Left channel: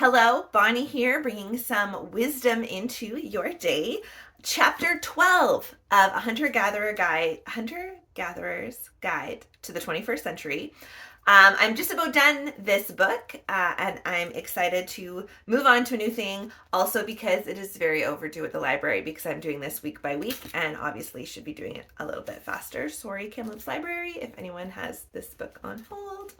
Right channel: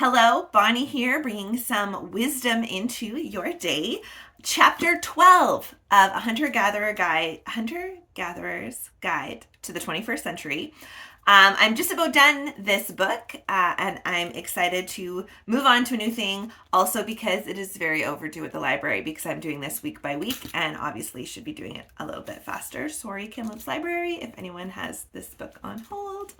Hello, Bonnie here, bringing some wisdom into your day. Chapter 12 of A Hunter-Gatherer's Guide to the 21st Century. I'm just about done this book, and I'm excited to move on to a new thing. Also, because it is very overdue at the library, because I'm doing this week by week, and obviously should be doing it a little bit faster. Sorry, Kamloops Library, if anyone has this book on hold.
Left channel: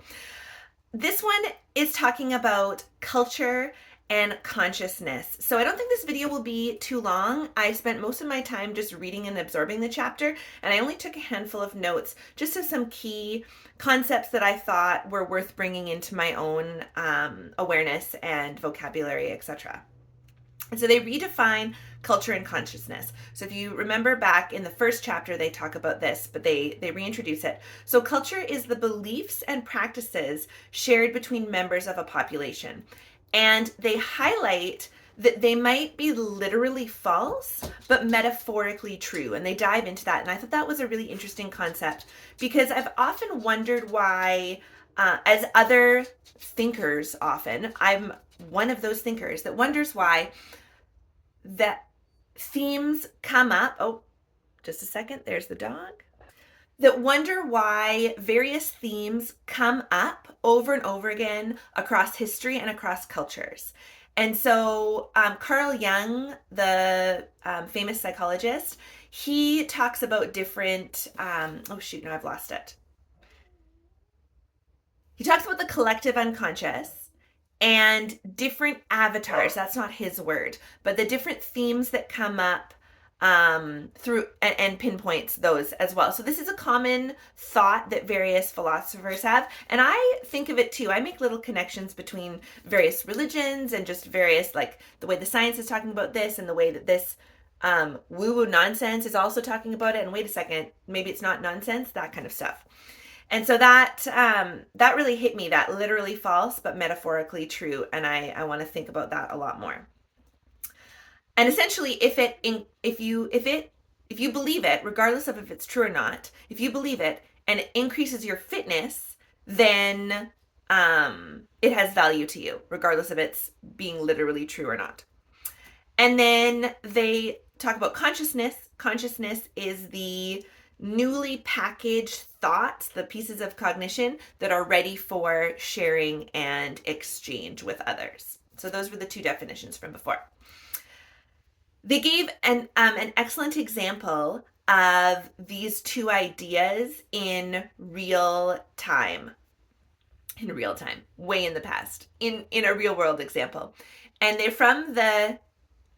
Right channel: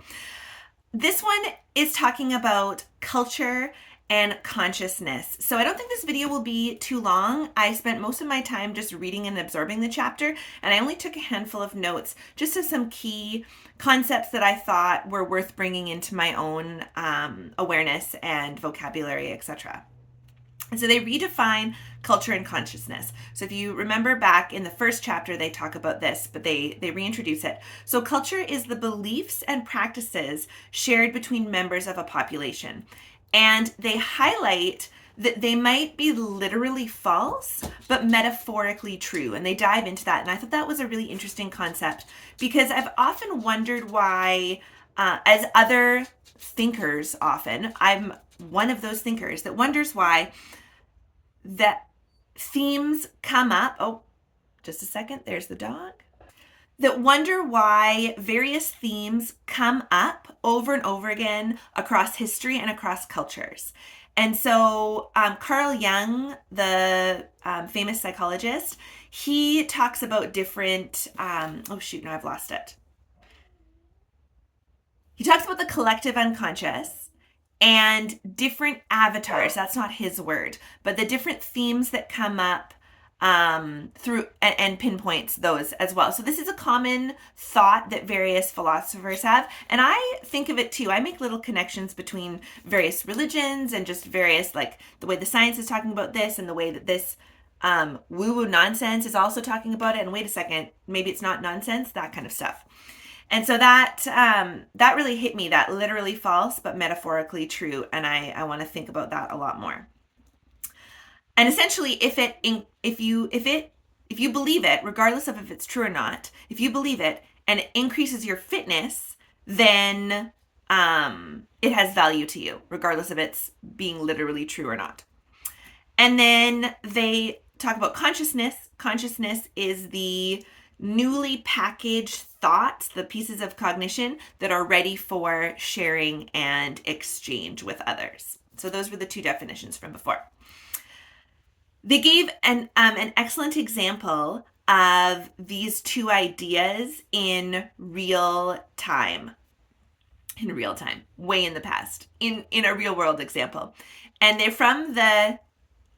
This one is talking about culture and consciousness. So I don't think this video will be too long. I spent most of my time just reading and absorbing the chapter, and I only took a handful of notes, just of some key concepts that I thought were worth bringing into my own awareness and vocabulary, etc. And so they redefine culture and consciousness. So if you remember back in the first chapter, they talk about this, but they reintroduce it. So culture is the beliefs and practices shared between members of a population. And they highlight that they might be literally false, but metaphorically true. And they dive into that. And I thought that was a really interesting concept because I've often wondered why, as other thinkers often, I'm one of those thinkers that wonders why that themes come up. Oh, just a second. There's the dog. That wonder why various themes come up over and over again across history and across cultures. And so Carl Jung, the famous psychologist, he talks about different, oh shoot, now I've lost it. He talks about the collective unconscious and different avatars. That's not his word, but the different themes that come up through and pinpoints those as well. So this is a common thought that various philosophers have, and I think of it too. I make little connections between various religions and just various, like the way the science is talking about this and the way that this woo-woo nonsense is also talking about it. And wait a second, maybe it's not nonsense, that kind of stuff. And so that really hit me, that literally false but metaphorically true, and I want to think about that a lot more. And essentially, if you believe it, regardless of if it's true or not, if you believe it and it increases your fitness, then it has value to you, regardless of it's being literally true or not. And then they talk about consciousness. Consciousness is the newly packaged thoughts, the pieces of cognition that are ready for sharing and exchange with others. So those were the two definitions from before. They gave an excellent example of these two ideas in real time, way in the past, in a real world example. And they're from the,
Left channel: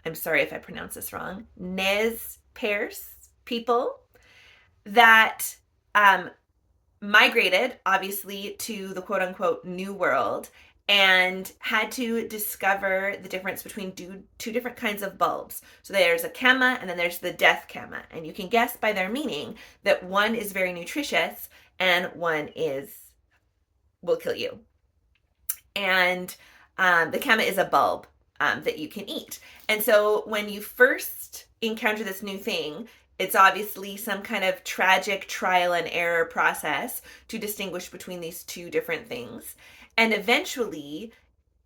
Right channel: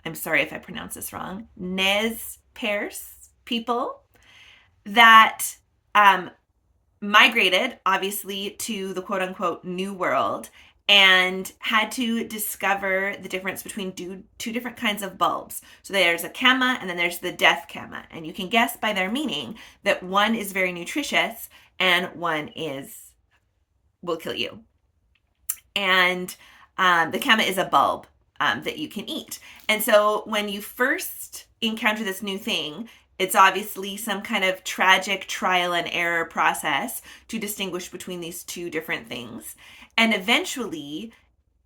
I'm sorry if I pronounce this wrong, Nez Perce people that migrated, obviously, to the quote-unquote New World and had to discover the difference between two different kinds of bulbs. So there's a kama and then there's the death kama. And you can guess by their meaning that one is very nutritious and one will kill you. And the kama is a bulb that you can eat. And so when you first encounter this new thing, it's obviously some kind of tragic trial and error process to distinguish between these two different things. And eventually,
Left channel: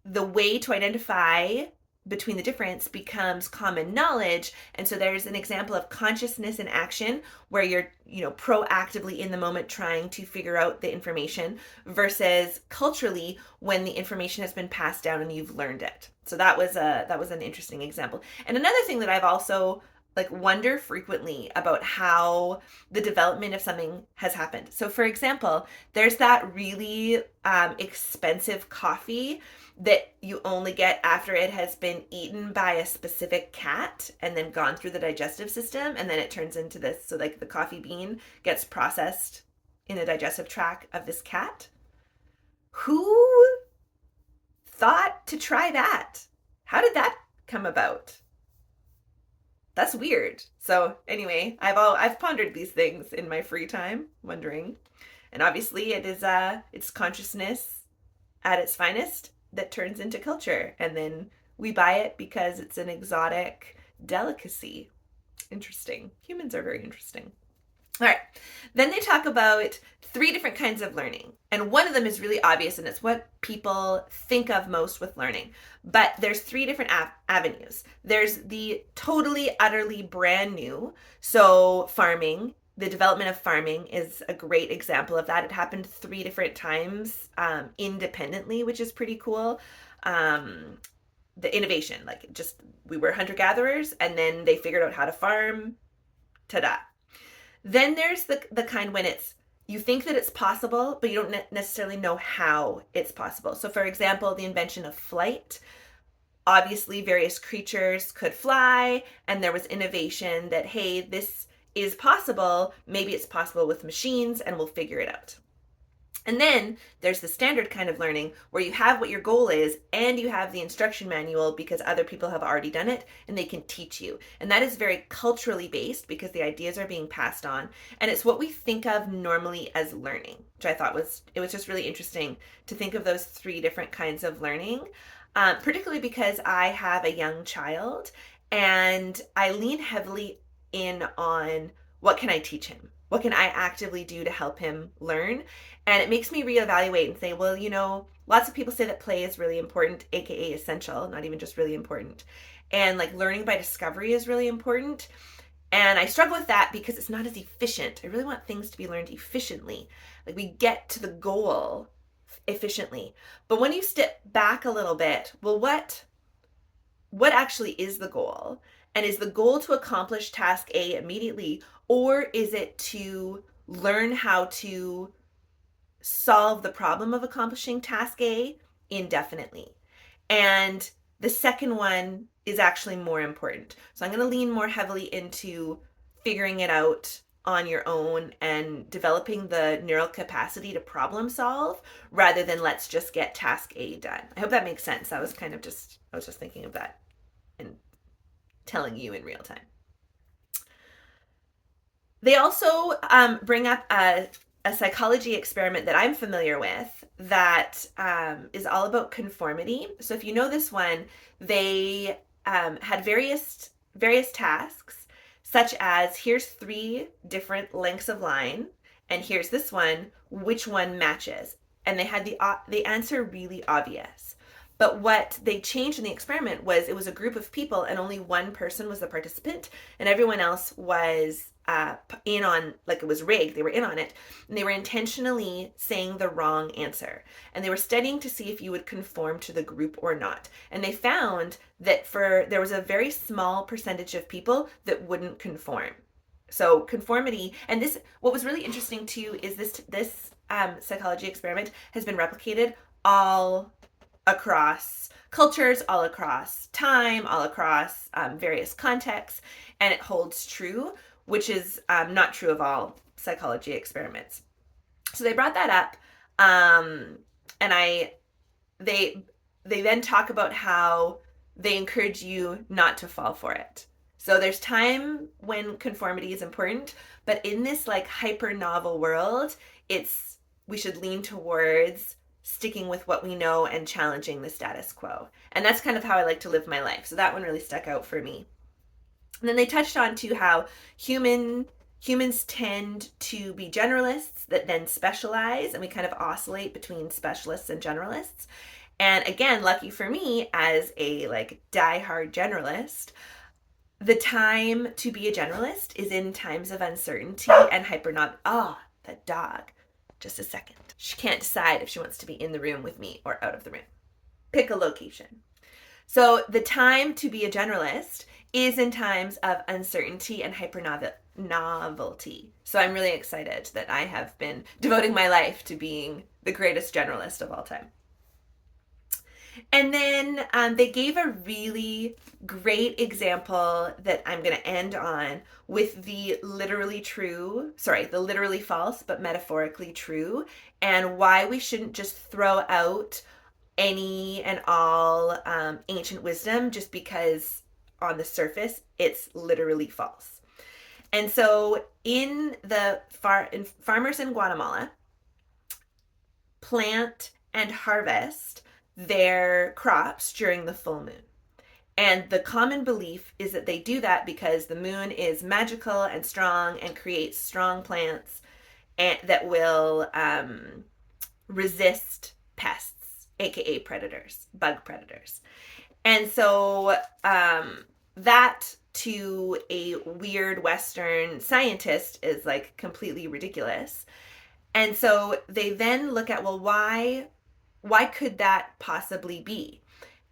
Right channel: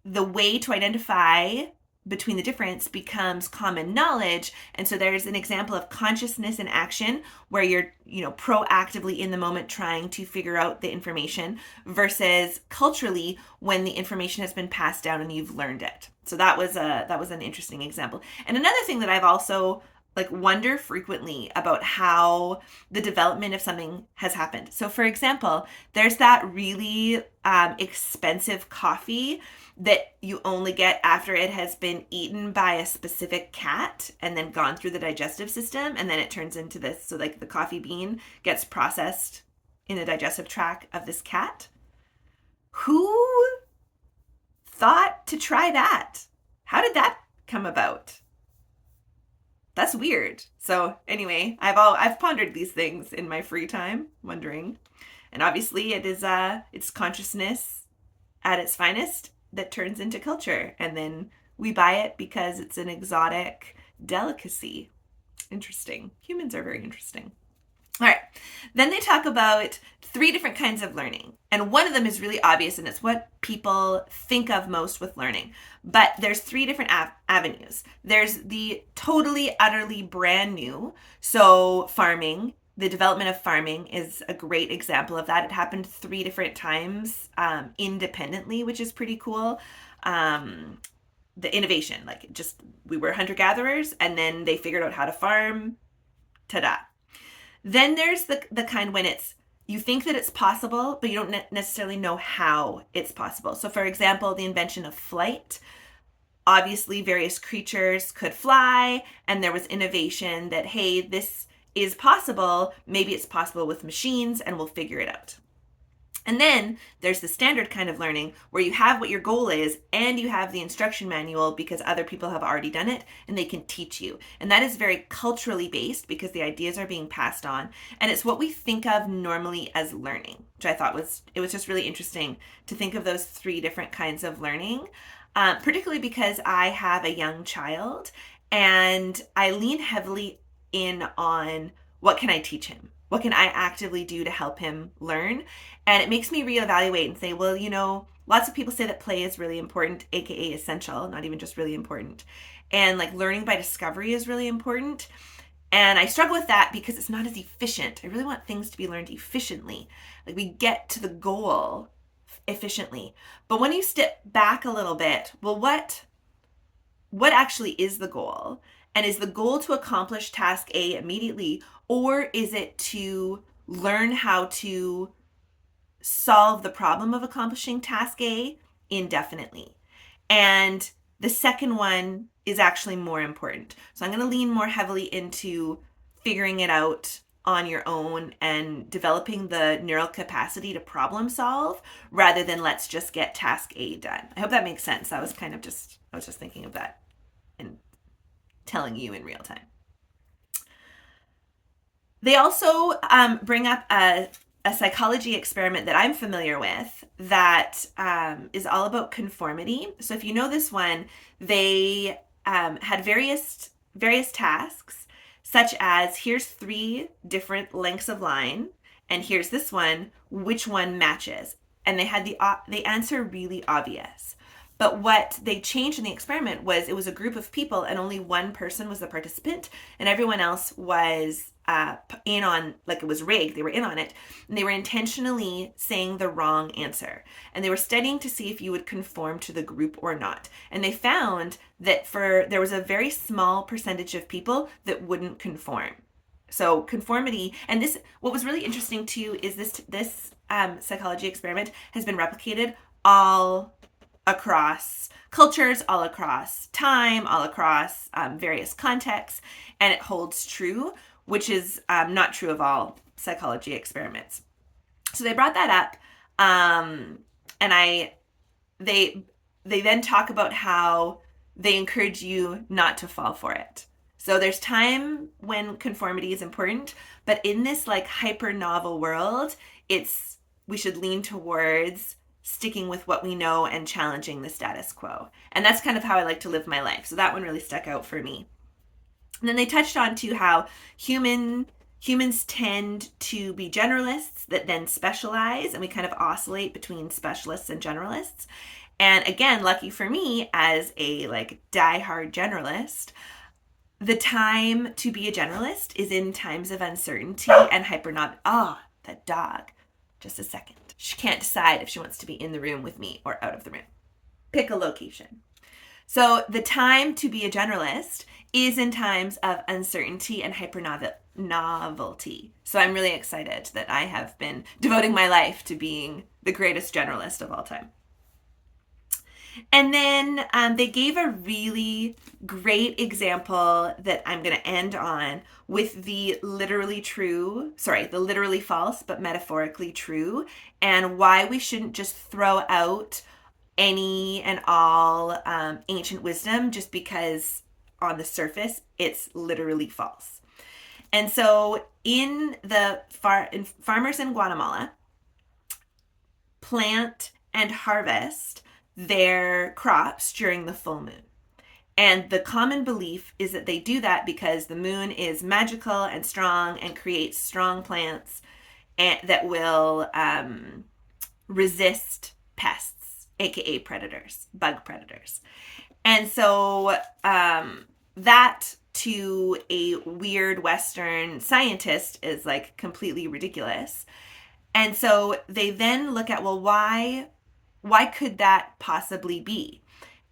the way to identify between the difference becomes common knowledge. And so there's an example of consciousness in action where you're, proactively in the moment trying to figure out the information versus culturally when the information has been passed down and you've learned it. So that was an interesting example. And another thing that I've also wonder frequently about how the development of something has happened. So for example, there's that really expensive coffee that you only get after it has been eaten by a specific cat and then gone through the digestive system, and then it turns into this, so the coffee bean gets processed in the digestive tract of this cat. Who thought to try that? How did that come about? That's weird. So anyway, I've pondered these things in my free time, wondering. And obviously it's consciousness at its finest that turns into culture. And then we buy it because it's an exotic delicacy. Interesting. Humans are very interesting. All right. Then they talk about three different kinds of learning. And one of them is really obvious, and it's what people think of most with learning. But there's three different avenues. There's the totally, utterly brand new. So, farming, the development of farming is a great example of that. It happened three different times independently, which is pretty cool. Um, the innovation, like just we were hunter gatherers, and then they figured out how to farm. Ta da! Then there's the kind when it's you think that it's possible, but you don't necessarily know how it's possible. So, for example, the invention of flight. Obviously, various creatures could fly, and there was innovation that, hey, this is possible. Maybe it's possible with machines, and we'll figure it out. And then there's the standard kind of learning where you have what your goal is and you have the instruction manual because other people have already done it and they can teach you. And that is very culturally based because the ideas are being passed on. And it's what we think of normally as learning, which I thought was just really interesting to think of those three different kinds of learning, particularly because I have a young child and I lean heavily in on what can I teach him? What can I actively do to help him learn? And it makes me reevaluate and say, well, lots of people say that play is really important, aka essential, not even just really important. And like learning by discovery is really important. And I struggle with that because it's not as efficient. I really want things to be learned efficiently. Like we get to the goal efficiently. But when you step back a little bit, well, what actually is the goal? And is the goal to accomplish task A immediately, or is it to learn how to solve the problem of accomplishing task A indefinitely? And the second one is actually more important. So I'm going to lean more heavily into figuring it out on your own and developing the neural capacity to problem solve rather than let's just get task A done. I hope that makes sense. I was just thinking of that and telling you in real time. They also bring up a psychology experiment that I'm familiar with that is all about conformity. So if you know this one, they had various tasks, such as here's three different lengths of line, and here's this one, which one matches? And they had the answer really obvious. But what they changed in the experiment was it was a group of people and only one person was the participant and everyone else was in on, like it was rigged, they were in on it, and they were intentionally saying the wrong answer. And they were studying to see if you would conform to the group or not. And they found that there was a very small percentage of people that wouldn't conform. So conformity, and this, what was really interesting too, is this psychology experiment has been replicated all across cultures, all across time, all across various contexts, and it holds true, which is not true of all psychology experiments. So they brought that up, and they then talk about how they encourage you not to fall for it. So there's time when conformity is important, but in this like hyper novel world, we should lean towards sticking with what we know and challenging the status quo. And that's kind of how I like to live my life. So that one really stuck out for me. And then they touched on too how humans tend to be generalists that then specialize, and we kind of oscillate between specialists and generalists. And again, lucky for me as a like diehard generalist, the time to be a generalist is in times of uncertainty and hypernovelty. That dog. Just a second. She can't decide if she wants to be in the room with me or out of the room. Pick a location. So the time to be a generalist is in times of uncertainty and hyper-novelty. So I'm really excited that I have been devoting my life to being the greatest generalist of all time. And then they gave a really great example that I'm going to end on with the literally false, but metaphorically true, and why we shouldn't just throw out any and all ancient wisdom just because on the surface it's literally false. And so in farmers in Guatemala plant and harvest their crops during the full moon. And the common belief is that they do that because the moon is magical and strong and creates strong plants that will resist pests, aka predators, bug predators. And so that to a weird Western scientist is like completely ridiculous. And so they then look at, well, why could that possibly be?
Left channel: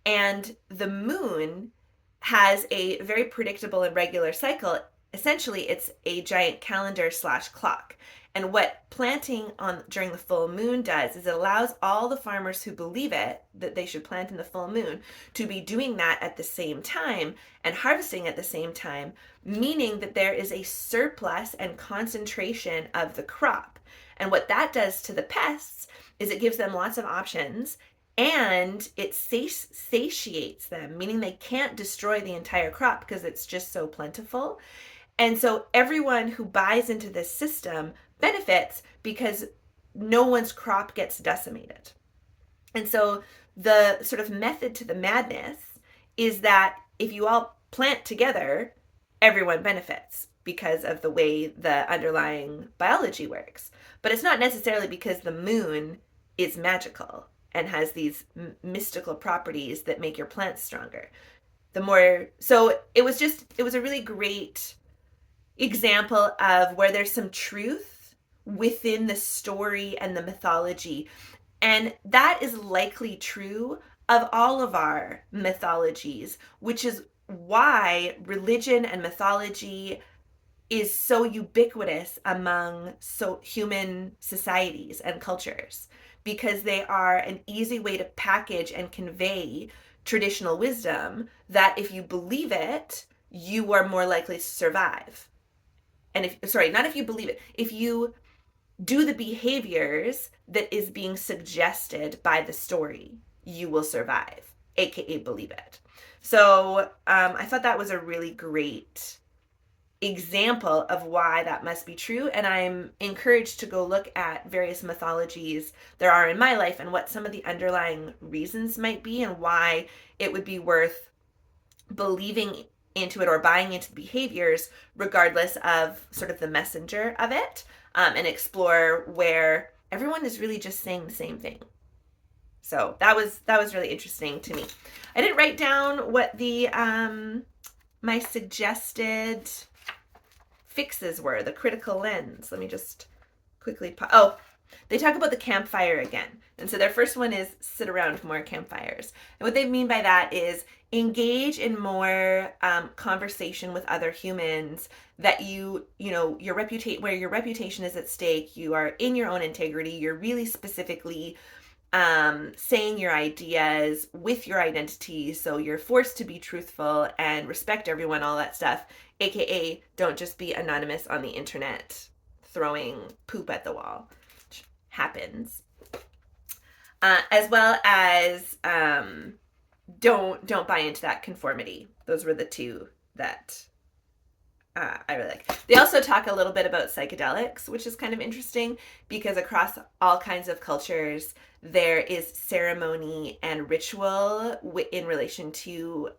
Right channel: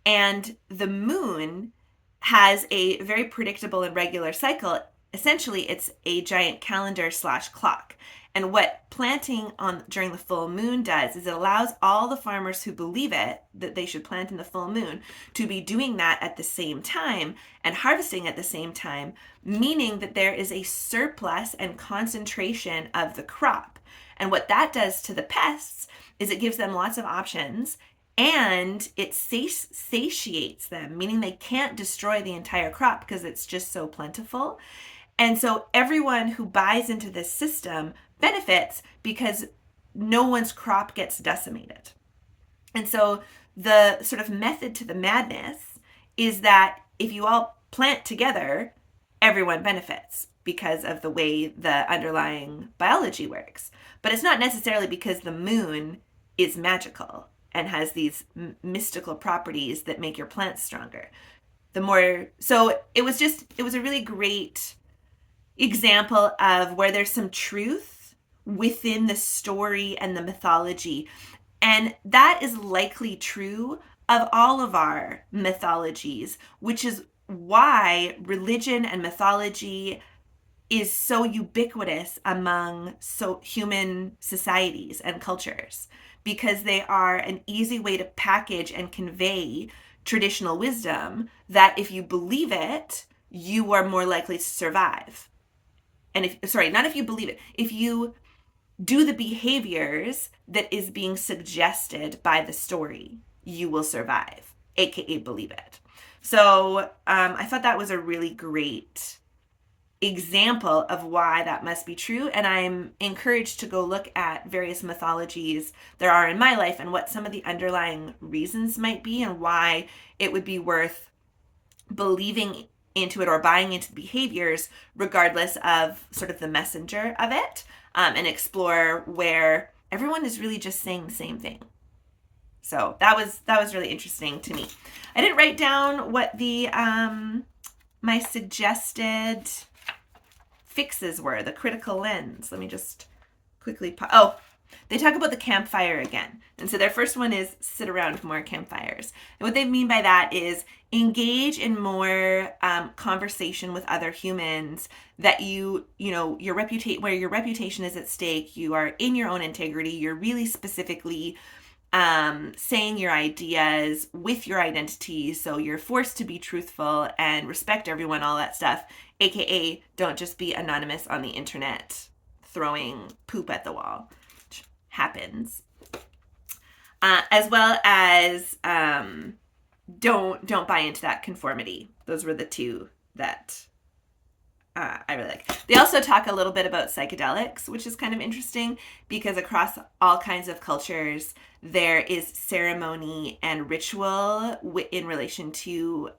And the moon has a very predictable and regular cycle. Essentially, it's a giant calendar / clock. And what planting on during the full moon does is it allows all the farmers who believe it, that they should plant in the full moon, to be doing that at the same time and harvesting at the same time, meaning that there is a surplus and concentration of the crop. And what that does to the pests is it gives them lots of options, and it satiates them, meaning they can't destroy the entire crop because it's just so plentiful. And so everyone who buys into this system benefits because no one's crop gets decimated. And so the sort of method to the madness is that if you all plant together, everyone benefits because of the way the underlying biology works. But it's not necessarily because the moon is magical and has these mystical properties that make your plants stronger. So it was a really great example of where there's some truth within the story and the mythology. And that is likely true of all of our mythologies, which is why religion and mythology is so ubiquitous among human societies and cultures, because they are an easy way to package and convey traditional wisdom that if you believe it, you are more likely to survive. And if you do the behaviors that is being suggested by the story, you will survive, aka believe it. So I thought that was a really great example of why that must be true. And I'm encouraged to go look at various mythologies there are in my life and what some of the underlying reasons might be and why it would be worth believing into it or buying into the behaviors regardless of sort of the messenger of it, and explore where everyone is really just saying the same thing. So that was really interesting to me. I didn't write down what the my suggested fixes were, the critical lens. Let me just quickly they talk about the campfire again. And so their first one is sit around more campfires. And what they mean by that is engage in more conversation with other humans that your reputation is at stake. You are in your own integrity. You're really specifically saying your ideas with your identity. So you're forced to be truthful and respect everyone, all that stuff. AKA don't just be anonymous on the internet throwing poop at the wall, which happens. As well as don't buy into that conformity. Those were the two that I really like. They also talk a little bit about psychedelics, which is kind of interesting because across all kinds of cultures, there is ceremony and ritual in relation to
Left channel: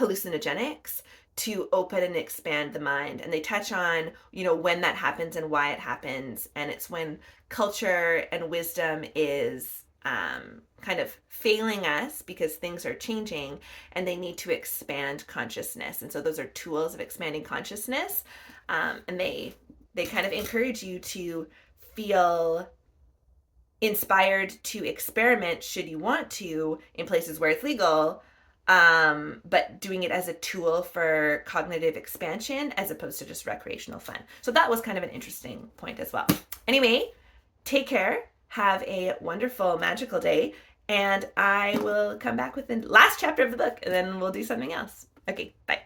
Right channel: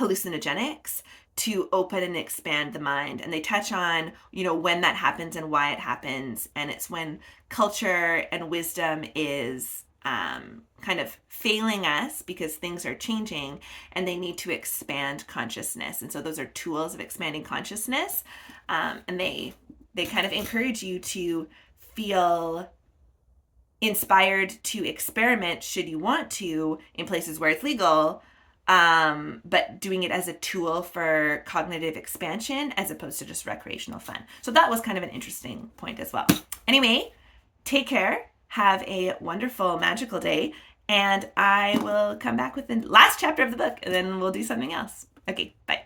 hallucinogenics to open and expand the mind. And they touch on, when that happens and why it happens. And it's when culture and wisdom is kind of failing us because things are changing and they need to expand consciousness. And so those are tools of expanding consciousness. And they kind of encourage you to feel inspired to experiment should you want to in places where it's legal, but doing it as a tool for cognitive expansion as opposed to just recreational fun. So that was kind of an interesting point as well. Anyway, take care. Have a wonderful, magical day. And I will come back with the last chapter of the book and then we'll do something else. Okay, bye.